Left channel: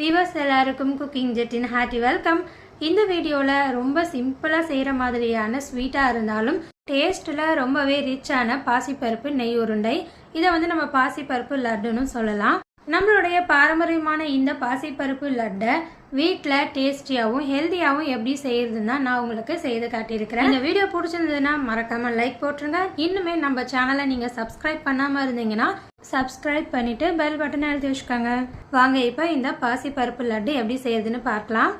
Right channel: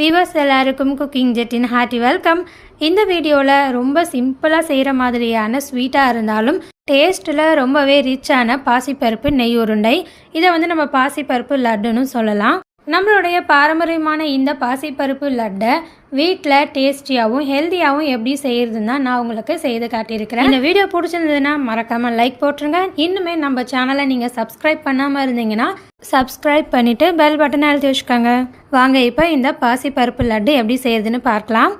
Viewers எல்லாருக்கும் cooking ஜெட்டின் hearty welcome. இந்த வீடியோவில் ரொம்ப சிம்பிளாக செய்கிற மாதிரியான ஸ்வீட்டாக இருந்தாலும் டேஸ்ட்டில் ரொம்பவே ரிச்சான பாசிப்பருப்பு நெய் உருண்டை. இதை நம்ம பாசிப்பருப்பு லட்டுன்னு சொல்லலாம். நம்மளுடைய பாரம்பரியமான இந்த பாசிப்பருப்பு லட்டை வீட்டில் டேஸ்டியாகவும் ஹெல்த்தியாகவும் எப்படி செய்யறதுன்னா நான் உங்களுக்கு செய்து காட்டியிருக்கிறேன். இந்த வீடியோ பிடிச்சிருந்ததுன்னா மறக்காமல் லைக் போட்டுருங்க. இன்னுமே நம்ம சேனலை நீங்கள் சப்ஸ்கிரைப் பண்ணாமல் இருந்தீங்கன்னா சப்ஸ்கிரைப் பண்ணிவிட்டு பெல் பட்டனை அழுத்தி வச்சுக்கோங்க. வாங்க இப்போ இந்த பாசிப்பருப்பு லட்டு எப்படி செய்யறதுன்னு பார்க்கலாம்.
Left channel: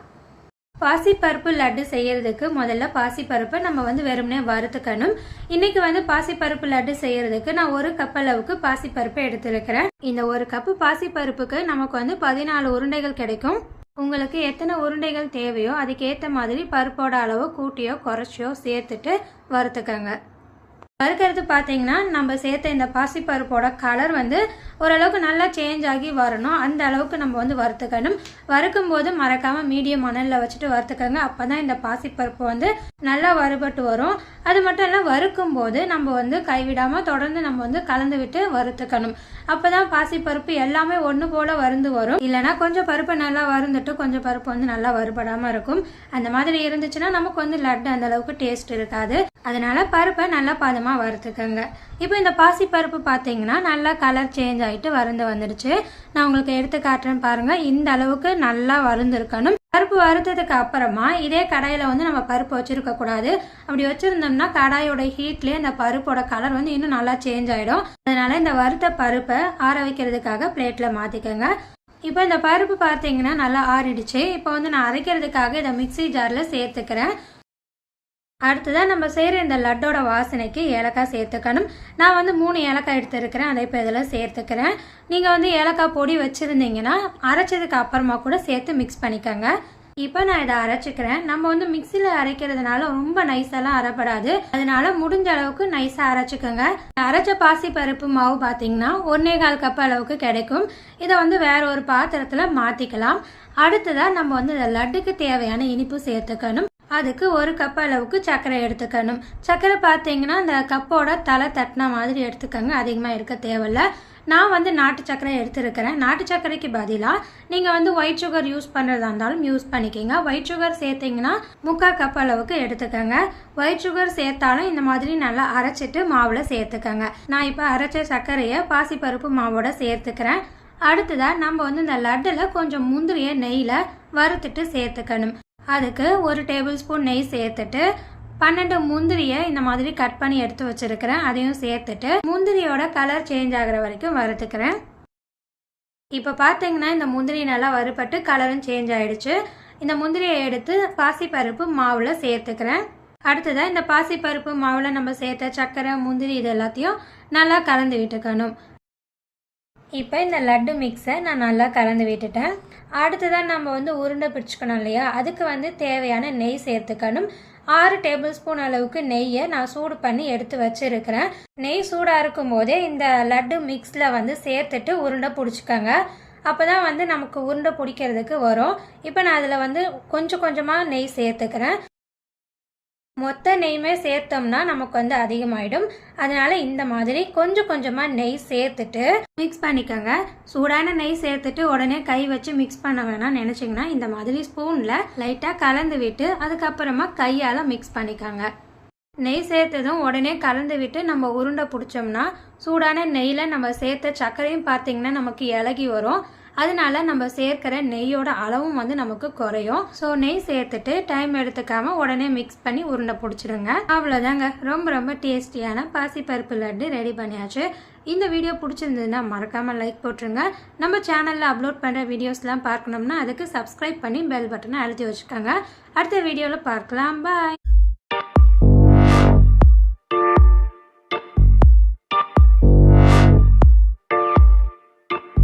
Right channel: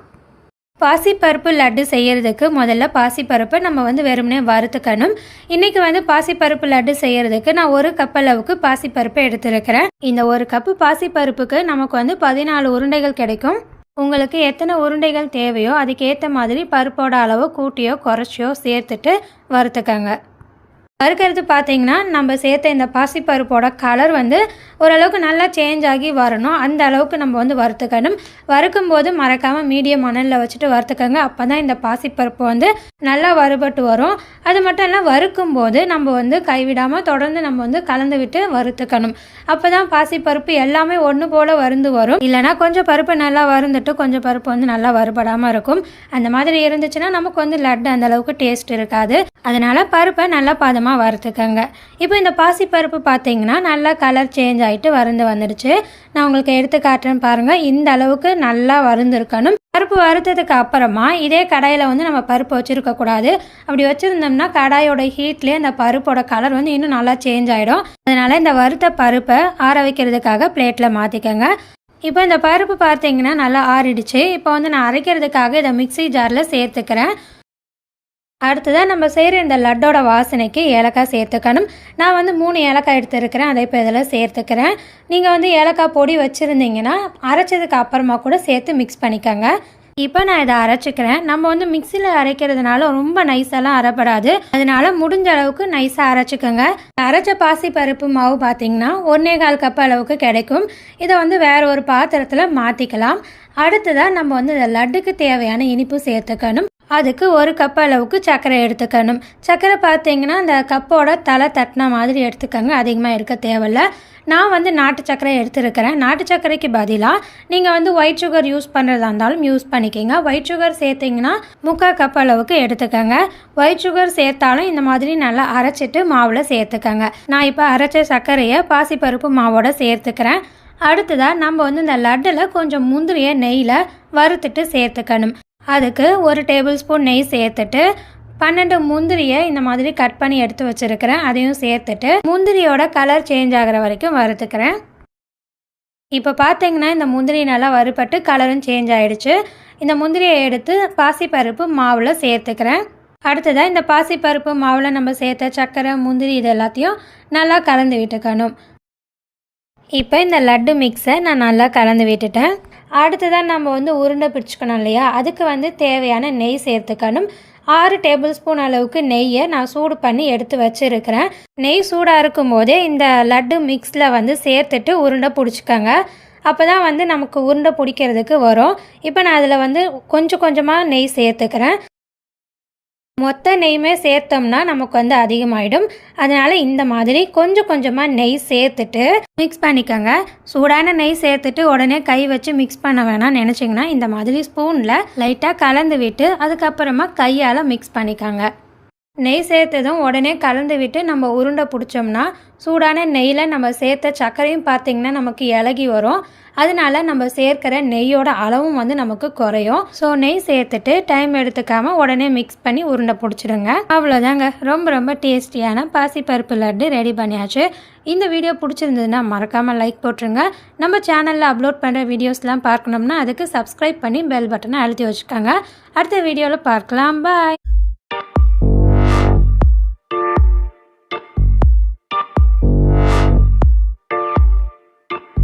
பாசிப்பருப்பு லட்டு செய்கிறதுக்கு முதல்ல பாசிப்பருப்பை நம்ம வெறுமனே வறுத்துக்கணும். இன்றைக்கி பாசிப்பருப்பு லட்டு செய்கிறதுக்கு நான் 1 கப் அளவுக்கு பாசிப்பருப்பை எடுத்துருக்கிறேன். இந்த 1 கப்பு பாசிப்பருப்புக்கு நமக்கு 14 உருண்டைகள் கிடைக்கும். உங்களுக்கு எத்தனை உருண்டைகள் தேவையோ அதுக்கேற்ற மாதிரி பருப்போட அளவு கூட்டியோ குறைச்சியோ சேர்த்துட்டு வறுத்துக்கங்க. வறுக்கிறது பார்த்தீங்கன்னா நம்ம சேர்த்த இந்த பாசிப்பருப்போட கலர் ஓரளவுக்கு நல்லா சேஞ்ச் ஆகி வரணும். அந்த அளவுக்கு நம்ம வறுத்துக்கணும். வறுக்கும்போது மறக்காமல் மீடியம் மணலில் வச்சுட்டு வறுத்துக்கங்க. அப்போ தான் இந்த பாசிப்பருப்பு நல்லா வறுபட்டு வரும். அது மட்டும் இல்லை, வறுக்கும்போது நம்ம கைவிடாமல் தொடர்ந்து நம்ம கலந்து விட்டு வறுத்துக்கணும். அப்போ தான் பாசிப்பருப்பு எல்லாமே ஒன்று போல் வறுந்து வரும். இல்லைனா கொஞ்சம் பருப்பு நல்லா வறுந்துட்டு கொஞ்சம் பருப்பு நல்லா வறுபடாமல் இருக்கும். அந்த மாதிரி இருந்துச்சுன்னா நமக்கு லட்டு அந்த அளவுக்கு டேஸ்ட் இருக்காது. அதனால பருப்பை நல்லா பதமாக வறுத்துக்கங்க. இப்போ இந்த பாசிப்பருப்பு பார்த்தீங்கன்னா நல்லா கலர் சேஞ்ச் ஆகிட்டு வறுந்து வந்துடுச்சு. நான் உங்களுக்கு எடுத்து காட்டுறேன் பாருங்கள். இந்த அளவுக்கு நல்லா வறுந்துருக்கணும். பருப்பு வறுத்ததுக்கு அப்புறமா இதே கடாயில் நம்ம பருப்பு வச்சுருக்கக்கூடாது. அப்படி வச்சுருந்தோம்னா கடாயோட ஹீட்லேயே அந்த பருப்போட கலர் இன்னும் நல்லா சேஞ்ச் ஆகிடும். அதனால் இந்த வறுத்த பருப்பை ஆற வைக்கிறதுக்காக பிளேட்டில் மாற்றிக்கங்க. இப்போ இந்த பருப்பு பார்த்தீங்கன்னா நல்லா ஆறிடுச்சு. இப்போ நான் அரைக்கிறதுக்காக இதை மிக்ஸி ஜாரில் சேர்த்துக்கிறேன். அடுத்ததாக நம்ம செய்கிற இந்த லட்டோட வாசனைக்கு ஏலக்காய் சேர்த்துக்கணும். நான் 3 ஏலக்காய் எடுத்துருக்கிறேன். அதை இப்போ இதில் சேர்த்துக்கிறேன். நீங்கள் ஏலக்காய் பொடி வச்சுருந்தீங்கன்னா அரைச்சதுக்கு அப்புறமா கூட சேர்த்து மிக்ஸ் பண்ணிக்கோங்க. இப்போ நான் இதை அரைச்சிக்கிறேன். நம்ம மிக்சியில் அரைக்கிறதுனால ரொம்ப நைஸெல்லாம் அரைப்படாது. அதனால முடிஞ்ச அளவுக்கு நைஸாக அரைச்சிக்கோங்க. அரைச்ச பாசிப்பருப்பு மாவு பார்த்தீங்கன்னா 1.25 கப் அளவுக்கு கிடைக்கும். இதை வேறு ஒரு பாத்திரத்தில் மாற்றிக்கலாம். அடுத்ததாக நம்ம இந்த லட்டுக்கு தேவையான இனிப்பு சேர்த்துக்கணும். அதுக்கு 1 கப் அளவுக்கு சர்க்கரை எடுத்துக்கணும். சர்க்கரை பார்த்தீங்கன்னா இந்த கப்போட தலை தட்டின மாதிரி எடுத்துக்கோங்க. அதிகமாக எடுக்க தேவையில்லை. நான் நாட்டு சர்க்கரை எடுத்துருக்கிறேன். நாட்டு சர்க்கரைக்கு பதிலாக நீங்கள் ஒயிட் சுகர் யூஸ் பண்ணுறதா இருந்தாலும் யூஸ் பண்ணிக்கோங்க. ஒயிட் சுகர் சேர்த்திங்கன்னா 3/4 கப் அளவுக்கு எடுத்துக்கோங்க. ஒயிட் சுகர் சேர்த்தாலும் இந்த மாதிரி நல்லா அரைச்சிட்டு மாவில் சேர்த்துக்கோங்க. நான் இப்போ அரைச்ச சர்க்கரையை பாசிப்பருப்பு மாவோட சேர்த்துக்கிறேன். அடுத்ததாக நம்ம இந்த லட்டில் கொஞ்சம் முந்திரியை நெய்யில் வறுத்துட்டு சேர்த்துக்கணும். அதுக்கு 1 டேபிள் ஸ்பூன் நெய் சேர்த்துட்டு 12 முந்திரியை இந்த மாதிரி கட் பண்ணி எடுத்து வச்சுருக்கிறேன். அதையும் சேர்த்துட்டு முந்திரியோட கலர் சேஞ்ச் ஆகிற வரைக்கும் வறுத்துக்கிறேன். இப்போ பார்த்தீங்கன்னா இந்த முந்திரி நல்லா வறுபட்டு கலரும் சேஞ்ச் ஆகிடுச்சு. இந்த முந்திரியை எடுத்து பாசிப்பருப்பு மாவில் சேர்த்துக்கிறேன். அடுத்ததாக இந்த பாசிப்பருப்பு மாவில் நம்ம சேர்த்த சர்க்கரை முந்திரி இது எல்லாத்தையும் நல்லா கலந்து விட்டுக்கணும். இப்போ இந்த லட்டு மிக்ஸை நான் நல்லா கலந்து விட்டுட்டேன். அடுத்ததான் நம்ம உருண்டை பிடிச்சிக்கணும் இல்லையா, அதுக்கு தேவையான நெய் சேர்த்துக்கணும். 6 டேபிள் ஸ்பூன் அளவுக்கு நெய்யை நான் சூடு பண்ணி எடுத்து வச்சுருக்கிறேன். நெய் சூடாக இருக்கும் போதே இந்த லட்டு மிக்ஸில் சேர்த்துட்டு உருண்டை பிடிச்சிக்கோங்க. அப்போ தான் நமக்கு உருண்டை பிடிக்கிறதுக்கு வரும். இப்போ நான் அதில் கொஞ்சம் கொஞ்சமாக நெய் சேர்த்துக்கிறேன். மொத்த நெய்யுமே சேர்த்தோம்னா நமக்கு அதிகமாகிடும். அதனால் இந்த மாதிரி கொஞ்சம் கொஞ்சமாக நெய் சேர்த்துட்டு மிக்ஸ் பண்ணிக்கோங்க. சூடான நெய் சேர்த்துட்டு உடனே கை வச்சு மிக்ஸ் பண்ண வேணாம் நினச்சிங்கன்னா இந்த மாதிரி ஸ்பூனில் லைட்டாக கலந்து விட்டு அதுக்கப்புறமா கையால் மிக்ஸ் பண்ணிக்கோங்க. நெய் சேர்த்ததும் உடனே கலந்து விட்டு நம்ம உருண்டை பிடிச்சோம்னா சூடான நெய்யில் நம்ம சேர்த்த சர்க்கரையும் பார்த்திங்கன்னா நமக்கு இலகி வரும். அதனால நம்ம சேர்க்கிற நெய்யோட அளவும் நமக்கு குறையும். ஸோ நெய் சேர்த்துட்டு டைம் எடுத்துக்காமல் உடனே மிக்ஸ் பண்ணி உருண்டை பிடிச்சிடுங்க. அவ்வளோதாங்க. ரொம்ப ரொம்ப டேஸ்டியான பாசிப்பருப்பு லட்டு ரெடி பண்ணியாச்சு. இந்த வீடியோ பிடிச்சிருந்ததுன்னா மறக்காமல் லைக் போட்டுருங்க. நம்ம சேனலில் அப்லோட் பண்ணுற வீடியோஸ்லாம் பார்க்கணும்னா அதுக்கு சப்ஸ்கிரைப் பண்ணி பெல் பட்டனை அழுத்தி வச்சுக்கோங்க. அடுத்த வீடியோவில் பார்க்கலாம். பாய்.